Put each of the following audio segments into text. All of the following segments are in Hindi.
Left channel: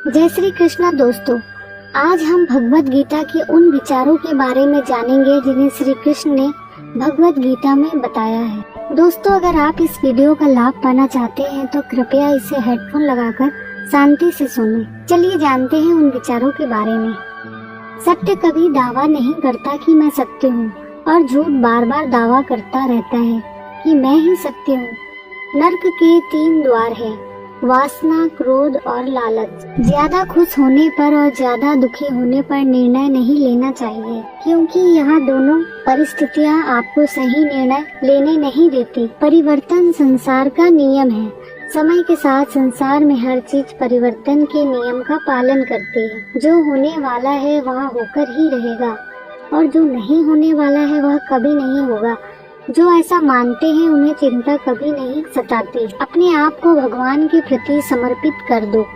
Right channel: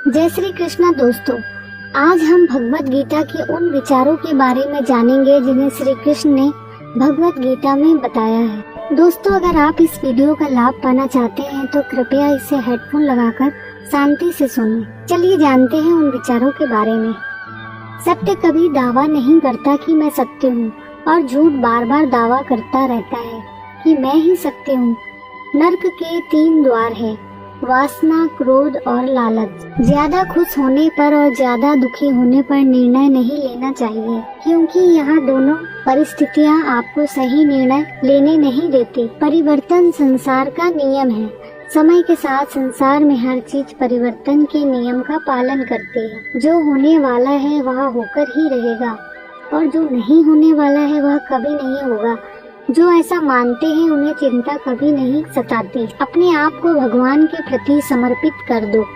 जय श्री कृष्ण दोस्तों, आज हम भगवत गीता के उन विचारों के बारे में जानेंगे जिन्हें श्री कृष्ण ने भगवत गीता में बताया है। दोस्तों, अगर आप इस वीडियो का लाभ पाना चाहते हैं तो कृपया इसे हेडफोन लगाकर शांति से सुनें। चलिए जानते हैं उन विचारों के बारे में। सत्य कभी दावा नहीं करता कि मैं सत्य हूँ और झूठ बार बार दावा करता रहता है कि मैं ही सत्य हूँ। नर्क के 3 द्वार हैं, वासना, क्रोध और लालच। ज्यादा खुश होने पर और ज्यादा दुखी होने पर निर्णय नहीं लेना चाहिए, क्योंकि यह दोनों परिस्थितियां आपको सही निर्णय लेने नहीं देती। परिवर्तन संसार का नियम है। समय के साथ संसार में हर चीज परिवर्तन के नियम का पालन करती है। जो होने वाला है वह होकर ही रहेगा और जो नहीं होने वाला है वह कभी नहीं होगा। जो ऐसा मानते हैं उन्हें चिंता कभी नहीं सताती। अपने आप को भगवान के प्रति समर्पित कर दो,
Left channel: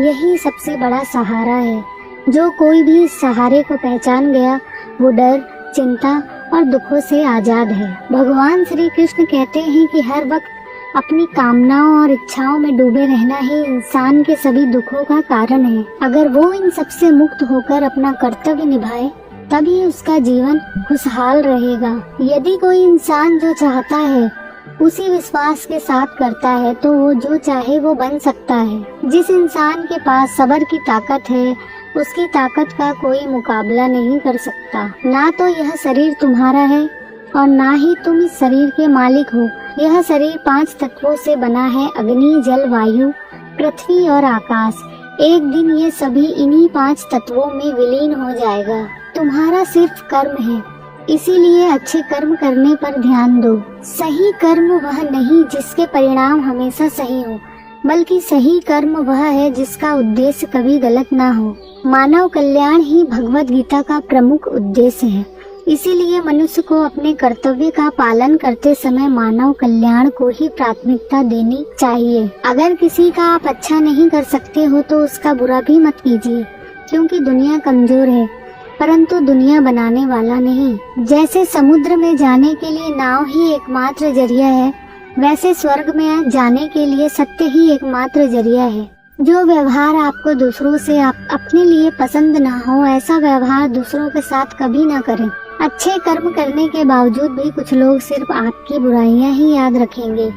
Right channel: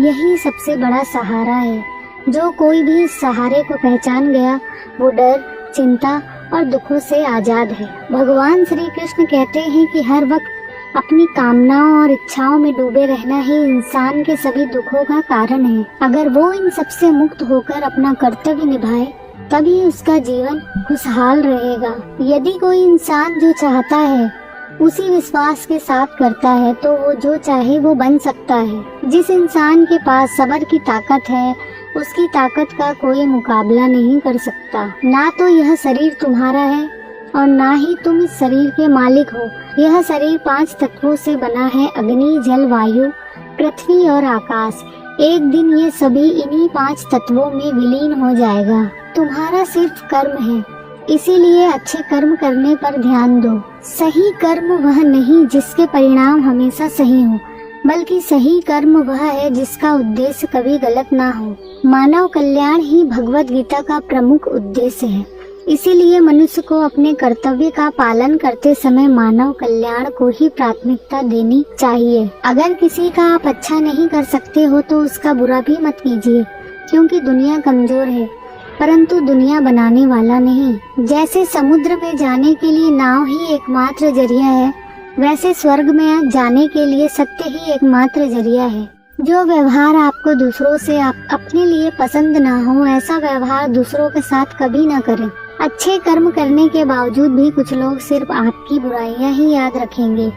यही सबसे बड़ा सहारा है। जो कोई भी इस सहारे को पहचान गया वो डर, चिंता और दुखों से आजाद है। भगवान श्री कृष्ण कहते हैं कि हर वक्त अपनी कामनाओं और इच्छाओं में डूबे रहना ही इंसान के सभी दुखों का कारण है। अगर वो इन सबसे मुक्त होकर अपना कर्तव्य निभाए तभी उसका जीवन खुशहाल रहेगा। यदि कोई इंसान जो चाहता है उसी विश्वास के साथ करता है तो वो जो चाहे वो बन सकता है। जिस इंसान के पास सब्र की ताकत है उसकी ताकत का कोई मुकाबला नहीं कर सकता। ना तो यह शरीर तुम्हारा है और ना ही तुम इस शरीर के मालिक हो। यह शरीर 5 तत्वों से बना है, अग्नि, जल, वायु, पृथ्वी और आकाश। एक दिन ये सभी इन्हीं 5 तत्वों में विलीन हो जाएगा। तुम्हारा सिर्फ कर्म है, इसीलिए अच्छे कर्म करने पर ध्यान दो। सही कर्म वह नहीं जिसके परिणाम हमेशा सही हो, बल्कि सही कर्म वह है जिसका उद्देश्य कभी गलत ना हो। मानव कल्याण ही भगवत गीता का प्रमुख उद्देश्य है। इसीलिए मनुष्य को अपने कर्तव्य का पालन करते समय मानव कल्याण को ही प्राथमिकता देनी चाहिए। अगर किसी का आप अच्छा नहीं कर सकते हो तो उसका बुरा भी मत कीजिए, क्योंकि दुनिया कमजोर है परंतु दुनिया बनाने वाला नहीं। जैसे समुद्र में जाने के लिए नाव ही एकमात्र जरिया है, वैसे स्वर्ग में जाने के लिए सत्य ही एकमात्र जरिया है। जो व्यवहार आपको दूसरों से अपने लिए पसंद ना हो, ऐसा व्यवहार दूसरों के साथ कभी ना करें। अच्छे कर्म करने के बावजूद भी कुछ लोग सिर्फ आपकी बुराइयां ही याद रखेंगे।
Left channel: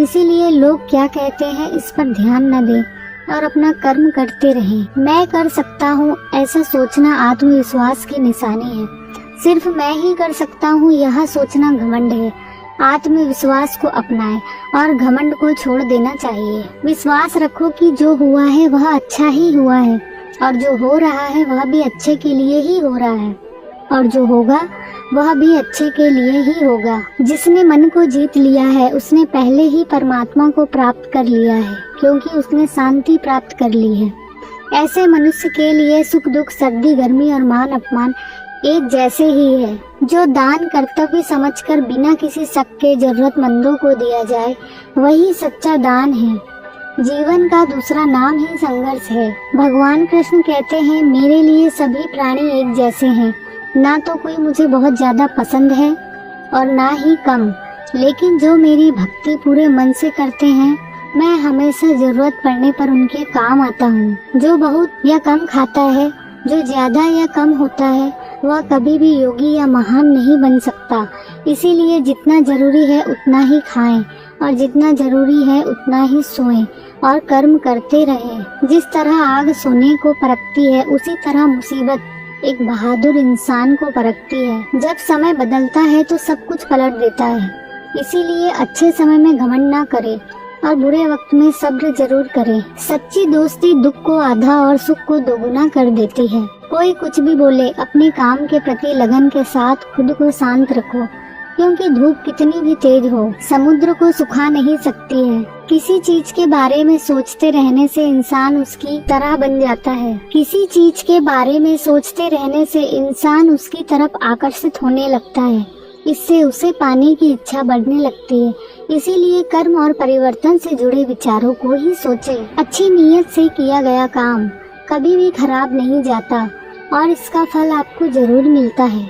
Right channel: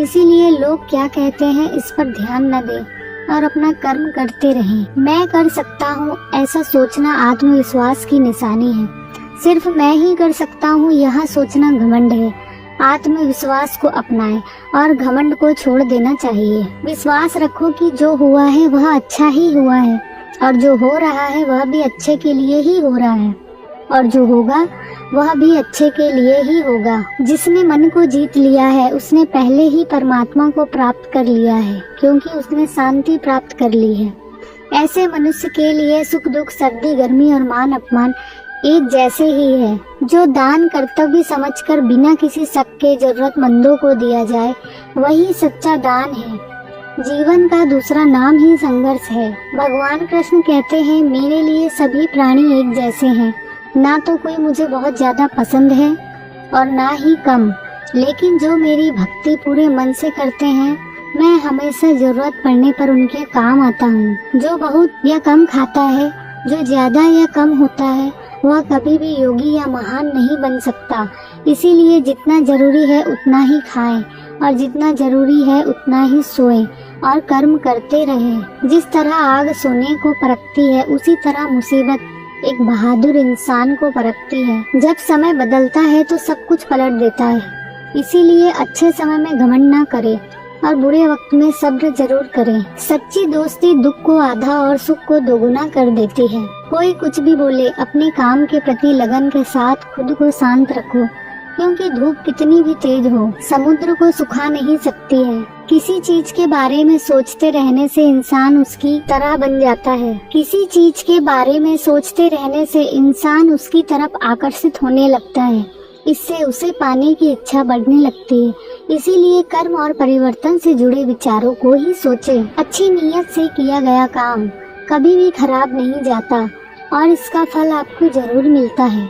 इसीलिए लोग क्या कहते हैं इस पर ध्यान न दें और अपना कर्म करते रहें। मैं कर सकता हूँ ऐसा सोचना आत्मविश्वास की निशानी है। सिर्फ मैं ही कर सकता हूँ यह सोचना घमंड है। आत्मविश्वास को अपनाएं और घमंड को छोड़ देना चाहिए। विश्वास रखो कि जो हुआ है वह अच्छा ही हुआ है और जो हो रहा है वह भी अच्छे के लिए ही हो रहा है और जो होगा वह भी अच्छे के लिए ही होगा। जिसने मन को जीत लिया है उसने पहले ही परमात्मा को प्राप्त कर लिया है, क्योंकि उसने शांति प्राप्त कर ली है। ऐसे मनुष्य के लिए सुख दुख, सर्दी गर्मी और मान अपमान एक जैसे ही है। जो दान कर्तव्य समझकर बिना किसी शक के जरूरतमंदों को दिया जाए वही सच्चा दान है। जीवन का दूसरा नाम ही संघर्ष है। भगवान कृष्ण कहते हैं, मेरे लिए सभी प्राणी एक जैसे हैं। ना तो कोई मुझे बहुत ज्यादा पसंद है और ना ही कम, लेकिन जो मेरी भक्ति पूरे मन से करते हैं मैं हमेशा जरूरत पड़ने पर उनके काम आता हूँ। जो बहुत या कम खाता है, जो ज्यादा या कम होता है, वह कभी भी योगी या महान नहीं बन सकता। इसीलिए जितना जरूरी है उतना ही खाएं और जितना जरूरी है उतना ही सोएं और कर्म करते रहें। जिस तरह आग सोने को परखती है उसी तरह मुसीबत एक बहादुर इंसान को परखती है। जब समय बदलता है तो सब कुछ पलट देता है। इसीलिए अच्छे समय में घमंड ना करें और बुरे वक्त में सब्र जरूर करें। सच्ची दोस्ती दुख को आधा और सुख को दोगुना कर देती है। कोई कुछ भी बोले, अपने काम के प्रति लगन के साथ खुद को शांत रखो, क्योंकि धूप कितनी भी तेज हो समुद्र को सुखा नहीं सकती है। किसी चीज के बारे में सोचते रहने से इंसान उसकी तरह बन जाता है। किसी चीज के बारे में सोचते रहने से इंसान उसकी तरफ आकर्षित होने लगता है। इससे उसे पाने की इच्छा बढ़ने लगती है। इसीलिए कर्म और परिवर्तन से जुड़े विचारों को ही सोचें। अच्छी नीयत से किया गया काम कभी भी खराब नहीं जाता और इसका फल आपको जरूर मिलता है।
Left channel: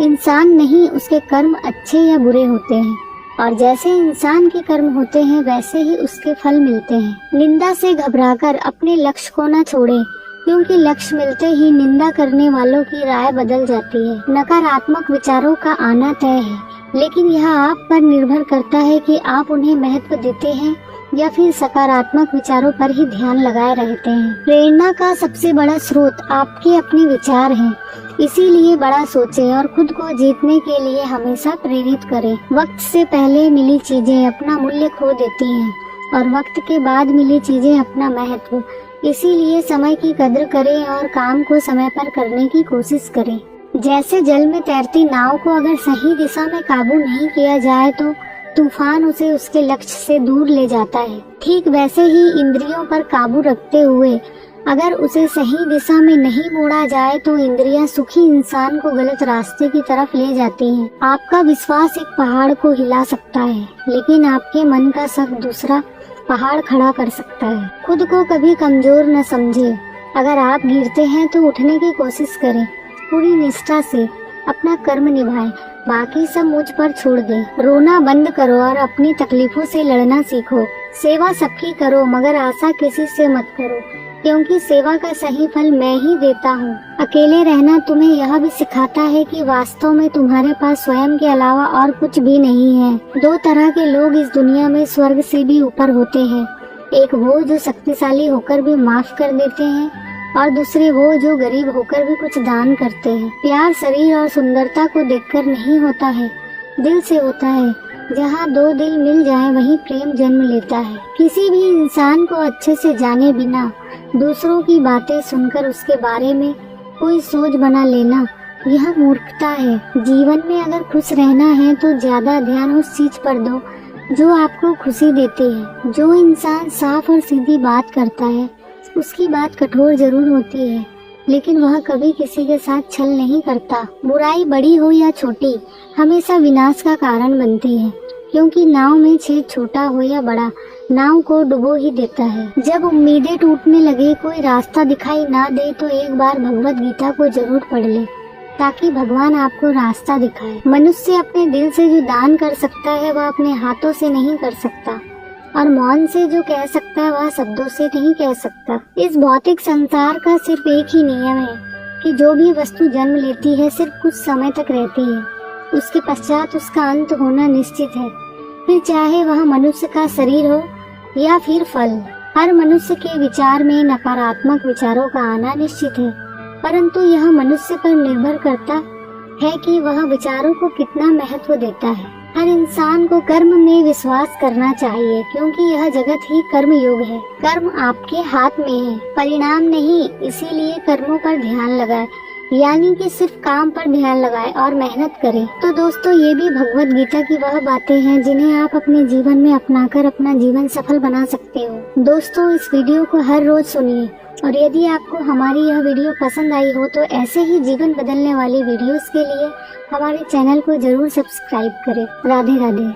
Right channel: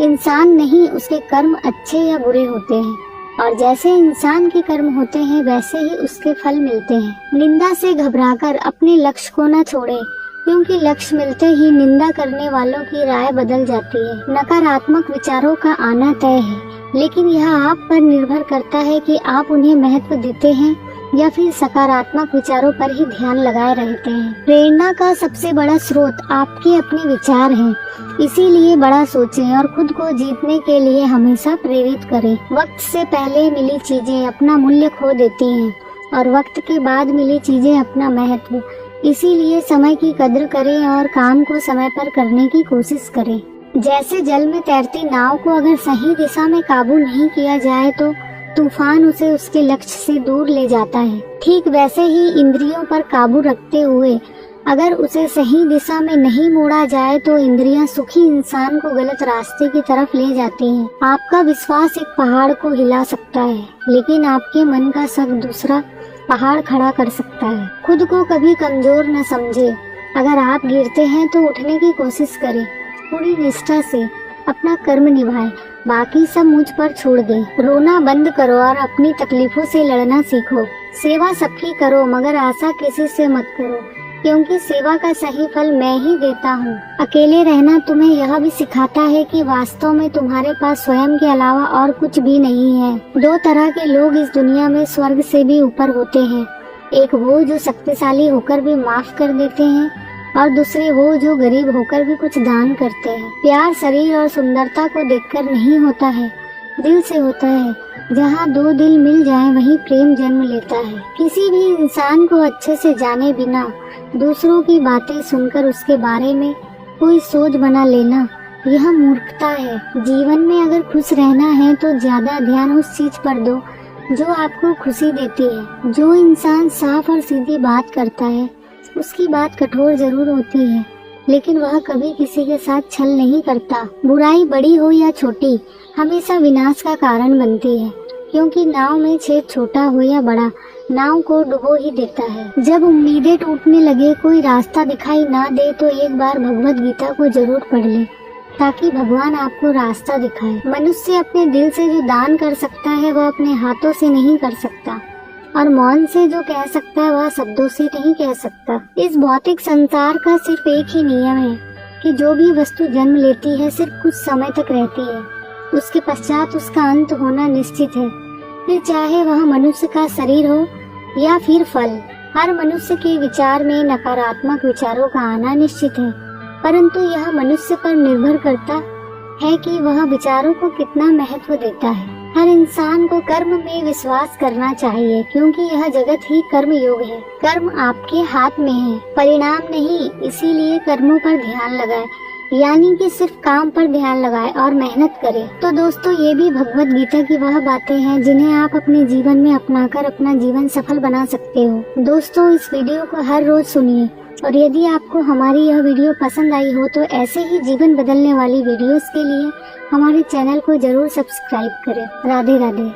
इंसान नहीं, उसके कर्म अच्छे या बुरे होते हैं। और जैसे इंसान के कर्म होते हैं वैसे ही उसके फल मिलते हैं। निंदा से घबराकर अपने लक्ष्य को न छोड़ें, क्योंकि लक्ष्य मिलते ही निंदा करने वालों की राय बदल जाती है। नकारात्मक विचारों का आना तय है, लेकिन यह आप पर निर्भर करता है कि आप उन्हें महत्व देते हैं या फिर सकारात्मक विचारों पर ही ध्यान लगाए रहते हैं। प्रेरणा का सबसे बड़ा स्रोत आपके अपने विचार है, इसीलिए बड़ा सोचें और खुद को जीतने के लिए हमेशा प्रेरित करें। वक्त से पहले मिली चीजें अपना मूल्य खो देती हैं और वक्त के बाद मिली चीजें अपना महत्व। इसीलिए समय की कद्र करें और काम को समय पर करने की कोशिश करें। जैसे जल में तैरती नाव को अगर सही दिशा में काबू नहीं किया जाए तो तूफान उसे उसके लक्ष्य से दूर ले जाता है। ठीक वैसे ही इंद्रियों पर काबू रखते हुए अगर उसे सही दिशा में नहीं मोड़ा जाए तो इंद्रियां सुखी इंसान को गलत रास्ते की तरफ ले जाती हैं। आपका विश्वास एक पहाड़ को हिला सकता है, लेकिन आपके मन का शक दूसरा पहाड़ खड़ा कर सकता है। खुद को कभी कमजोर न समझे। अगर आप गिरते हैं तो उठने की कोशिश करें। पूरी निष्ठा से अपना कर्म निभाएं, बाकी सब मुझ पर छोड़ दें। रोना बंद करो और अपनी तकलीफों से लड़ना सीखो। सेवा सबकी करो, मगर आशा किसी से मत करो, क्योंकि सेवा का सही फल मैं ही देता हूँ। अकेले रहना तुम्हें यह भी सिखाता है कि वास्तव में तुम्हारे पास स्वयं के अलावा और कुछ भी नहीं है। दो तरह के लोग इस दुनिया में स्वर्ग से भी ऊपर होते हैं। एक वो जो शक्तिशाली होकर भी माफ कर देते हैं, और दूसरे वो जो गरीब होकर भी कुछ दान करते हैं। प्यार शरीर और सुंदरता को देखकर नहीं होता है, दिल से होता है। जहाँ दो दिल मिल जाए वही प्रेम जन्म लेता है। किसी भी इंसान को अच्छे से जाने बिना दूसरों की बातें सुनकर उसके बारे में कोई सोच बना लेना, यह मूर्खता है। जीवन में अगर खुश रहना है तो ज्यादा ध्यान उस चीज पर दो जो आपको खुशी देती है। जो इंसान साफ और सीधी बात करता है उसकी बात कठोर जरूर होती है, लेकिन वह कभी किसी के साथ छल नहीं करता। बुराई बड़ी हो या छोटी हमेशा विनाश का कारण बनती है, क्योंकि नाव में छेद छोटा हो या बड़ा नाव को डुबो ही देता है। जब उम्मीदें टूटने लगे, कोई रास्ता दिखाई ना दे तो एक बार भगवत गीता को जरूर पढ़ ले, ताकि भगवान आपको रास्ता दिखाए। मनुष्य अपने दिल से जो दान कर सकता है वह अपने हाथों से नहीं कर सकता, और मौन से जो कह सकता है वह शब्दों से नहीं कह सकता। इस भौतिक संसार का सिर्फ एक ही नियम है कि जो भी वस्तु जन्म लेती है सिर्फ कुछ समय तक रहती है, उसके पश्चात उसका अंत होना निश्चित है। फिर चाहे वह मनुष्य का शरीर हो या फिर फल। हर मनुष्य के विचार में नकारात्मक विचारों का आना निश्चित है, परंतु यह मनुष्य पर निर्भर करता है कि वह विचारों को कितना महत्व देता है। हर इंसान को कर्म में विश्वास करना चाहिए, क्योंकि यह जगत ही कर्म योग है। कर्म आपके हाथ में है, परिणाम नहीं। इसीलिए कर्मों पर ध्यान लगाए, यानी कि सिर्फ काम पर ध्यान लगाए और मेहनत करें। तो दोस्तों, ये भी भगवत गीता की वह बातें हैं जिन्हें आप अपने जीवन में अपनाकर अपना जीवन सफल बना सकते हो। दोस्तों, इस वीडियो को हर रोज सुनिए, और यदि आपको हमारी यह वीडियो पसंद आई हो तो ऐसे ही जीवन बदलने वाली वीडियोस के लिए हमारे चैनल को जरूर सब्सक्राइब करें। राधे राधे।